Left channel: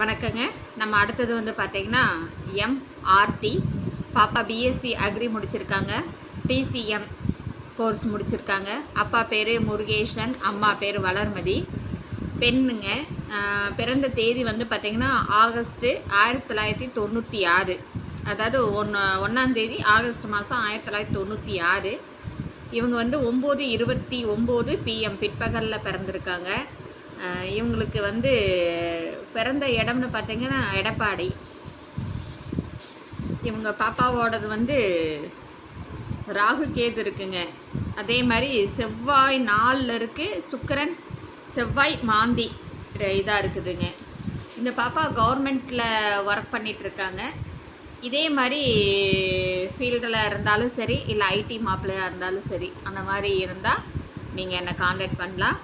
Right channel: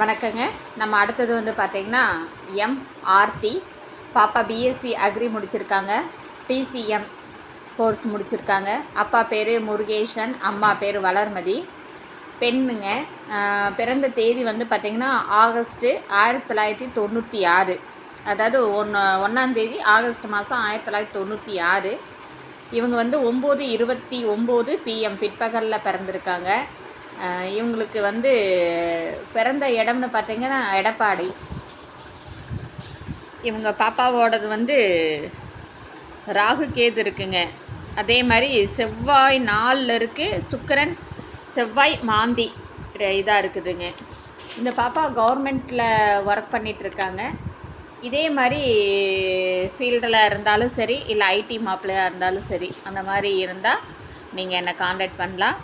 வணக்கங்க. நம்ம அடுத்தது வந்து பார்த்திங்கன்னா ஆர்த்தி பாப்பா பிஎஸ்சி அக்ரி முடிச்சிருக்காங்க. பிசிஎம் கோர்ஸ் முடிச்சிருக்காங்க. அப்பா பேர் முருகேசன், அம்மா பேர் வளர்மதி. பெண்ணுங்க. பிறந்த தேதி வந்து பார்த்திங்கன்னா ஆகஸ்ட்டு 1996. அதாவது ஒன்றாந்தேதி ஆகஸ்ட் மாதம் 1996. இவங்க வந்து 9:29 PM பிற்பகலில் பிறந்திருக்காங்க. இவங்களுக்கு வந்து பிறந்த இடம்னு பார்த்திங்கன்னா எடப்பாடி. இவங்க பாப்பாவோடது வந்து ராகு கேது இருக்குங்க. அதே மாதிரி செவ்வாய் 4 இருக்குது, சுக்கிரன் செவ்வாய் மாந்தி இதாக இருக்குதுங்க. இந்த பாப்பா கவர்மெண்ட்டில் ஒர்க் பண்ணிகிட்ருக்காங்க. இதே மாதிரி ஃபீல்டில் இருந்தாலும் சரி, இல்லை ஐடி மாப்பிள்ளையாக இருந்தாலும் சரி, அந்த மாதிரி இருந்தால் நீங்கள் என்னை காண்டாக்ட் பண்ணலாம்.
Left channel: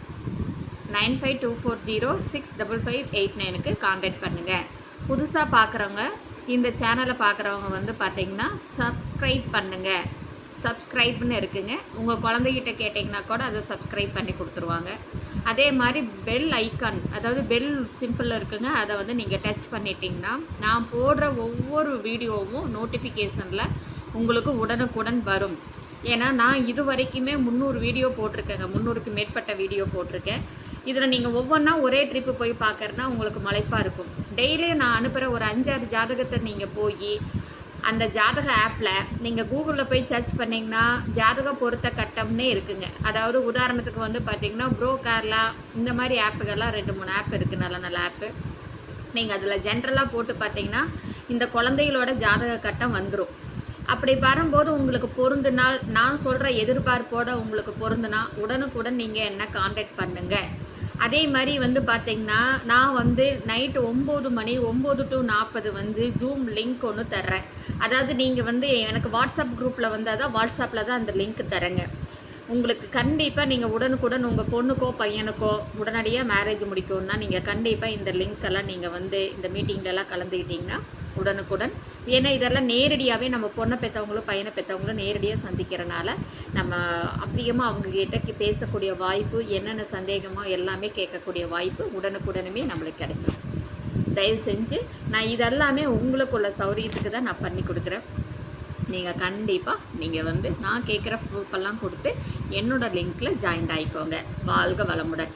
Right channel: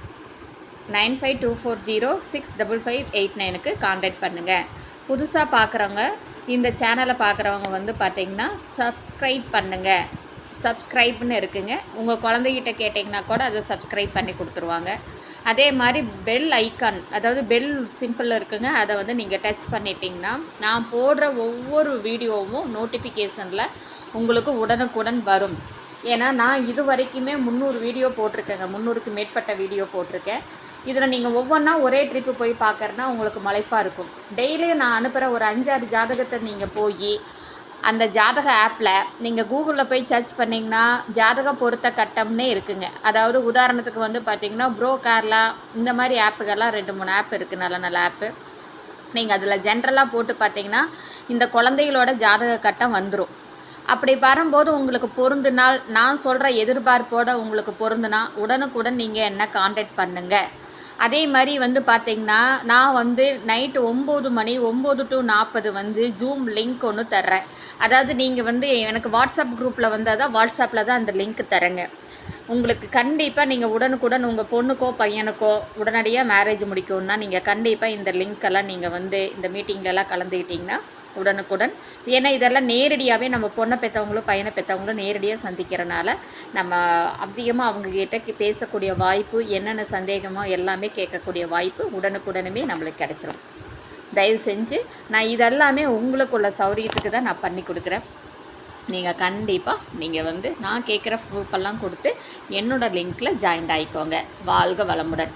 9524065589க்கு காண்டாக்ட் பண்ணுங்கள். புதுசாக பார்க்குறவங்க, இந்த சேனலை பார்க்குறவங்க வந்து பார்த்திங்கன்னா சப்ஸ்கிரைப் பண்ணுங்கள். சப்ஸ்கிரைப்னு இருக்குங்க. உங்கள் குழந்தைகிட்ட கேட்டிங்கன்னா கூட அதை சப்ஸ்கிரைப் பண்ணி கொடுத்துருவாங்க. அதே மாதிரி பெல் ஐக்கான், அதாவது பெல் சிம்பிள் இருக்குங்க, அதை வந்து நீங்கள் டச் பண்ணிட்டீங்கன்னா நான் போடுற ஒவ்வொரு வீடியோவும் நோட்டிஃபிகேஷனில் உங்களுக்கு உடனுக்குடன் வரும். ஏன்னா நான் இது வரைக்குமே 300 வீடியோ போட்டிருக்கேங்க. 300க்கு மேற்பட்ட வீடியோ போட்டிருக்கேன். இதில் நீங்கள் ஒவ்வொன்றா ஒரே ட்ரிப்பு போய் பார்க்குறதுனா உங்களுக்கு மலைப்பாக இருக்கும். டெய்லியும் நான் அனுப்புகிற ஒரு 5-6 ஜாதகத்தை நீங்கள் போய் அந்த ஜாதக ஆப்பில் நீங்கள் கூகுளில் போய் சர்ச் பண்ணிங்கன்னா ஜாதக பொருத்த கட்டம்னே இருக்குங்க. அதாவது உதாரணத்துக்கு வந்து பார்த்திங்கன்னா ப்ரோ கேரளா, இந்த மாதிரி ஆப்புகள்லாம் 2-3 ஆப் இருக்குது, நல்ல நல்ல ஆப்பு. நீங்கள் அதில் ஜென்ரலாக போட்டு பார்த்தீங்கன்னா இந்த குழந்தைகளோட ஜாதக கட்டம் வந்துடும். அப்படி வரும்போது உங்களுக்கு பொருந்துனால், நான் சொல்கிற எதிர்பார்ப்போடு உங்களுக்கு பொருந்துனா உடனுக்குடன் நீங்கள் என்ன காண்டாக்ட் பண்ணுங்கள். அதே மாதிரி வந்து பார்த்திங்கன்னா நான் வந்து நைட்டு 9 மணி 9 to 40 வந்து ஜூம் லிங்க் ஒன்று தர்றேன். அதாவது நீங்கள் வந்து எனக்கு வாட்ஸ்அப் குரூப்பில் வந்தால் தான், வாட்ஸ்அப்பில் தான் அந்த லிங்க் தரேங்க. உங்களுக்கு கண்டிப்பாக நீங்கள் உடனுக்குடன் உங்கள் பொண்ணுக்கோ பையனுக்கோ உடனடியாக மேரேஜ் முடிக்கணும்னா நீங்கள் கண்டிப்பாக இந்த லிங்க்கெல்லாம் நீங்கள் வந்து இந்த மீட்டிங்லலாம் கலந்துக்கிட்டிங்கன்னா உடனுக்குடன். ஏன்னா இதெல்லாம் நேரடியாகவே நம்ம பொண்ணை பெற்றவங்களும் பையனை பெற்றவங்களும் நேரடியாக சந்திக்கிறனால நம்ம அதிகமாக அவங்கக்கிட்ட பேசக்கூடிய வாய்ப்பு, என்னென்ன சந்தேகமோ எல்லாமே கேட்கக்கூடிய வாய்ப்பு உடனுக்குடனுமே நம்மளுக்கு கிடைச்சிடும். தயவு செஞ்சு நான் இதெல்லாமே உங்களுக்குள்ள சௌரியத்துக்கு தான் நான் பண்ணி கொடுக்குறேன். நீங்கள் கண்டிப்பாக நீங்கள் வந்து நான் கேட்குற ப்ரூஃபெல்லாம் கொடுத்து என்னோடய லிங்க்கில் ஜாயின்ட் ஆகிக்கோங்க. வாழ்க வளமுடன்.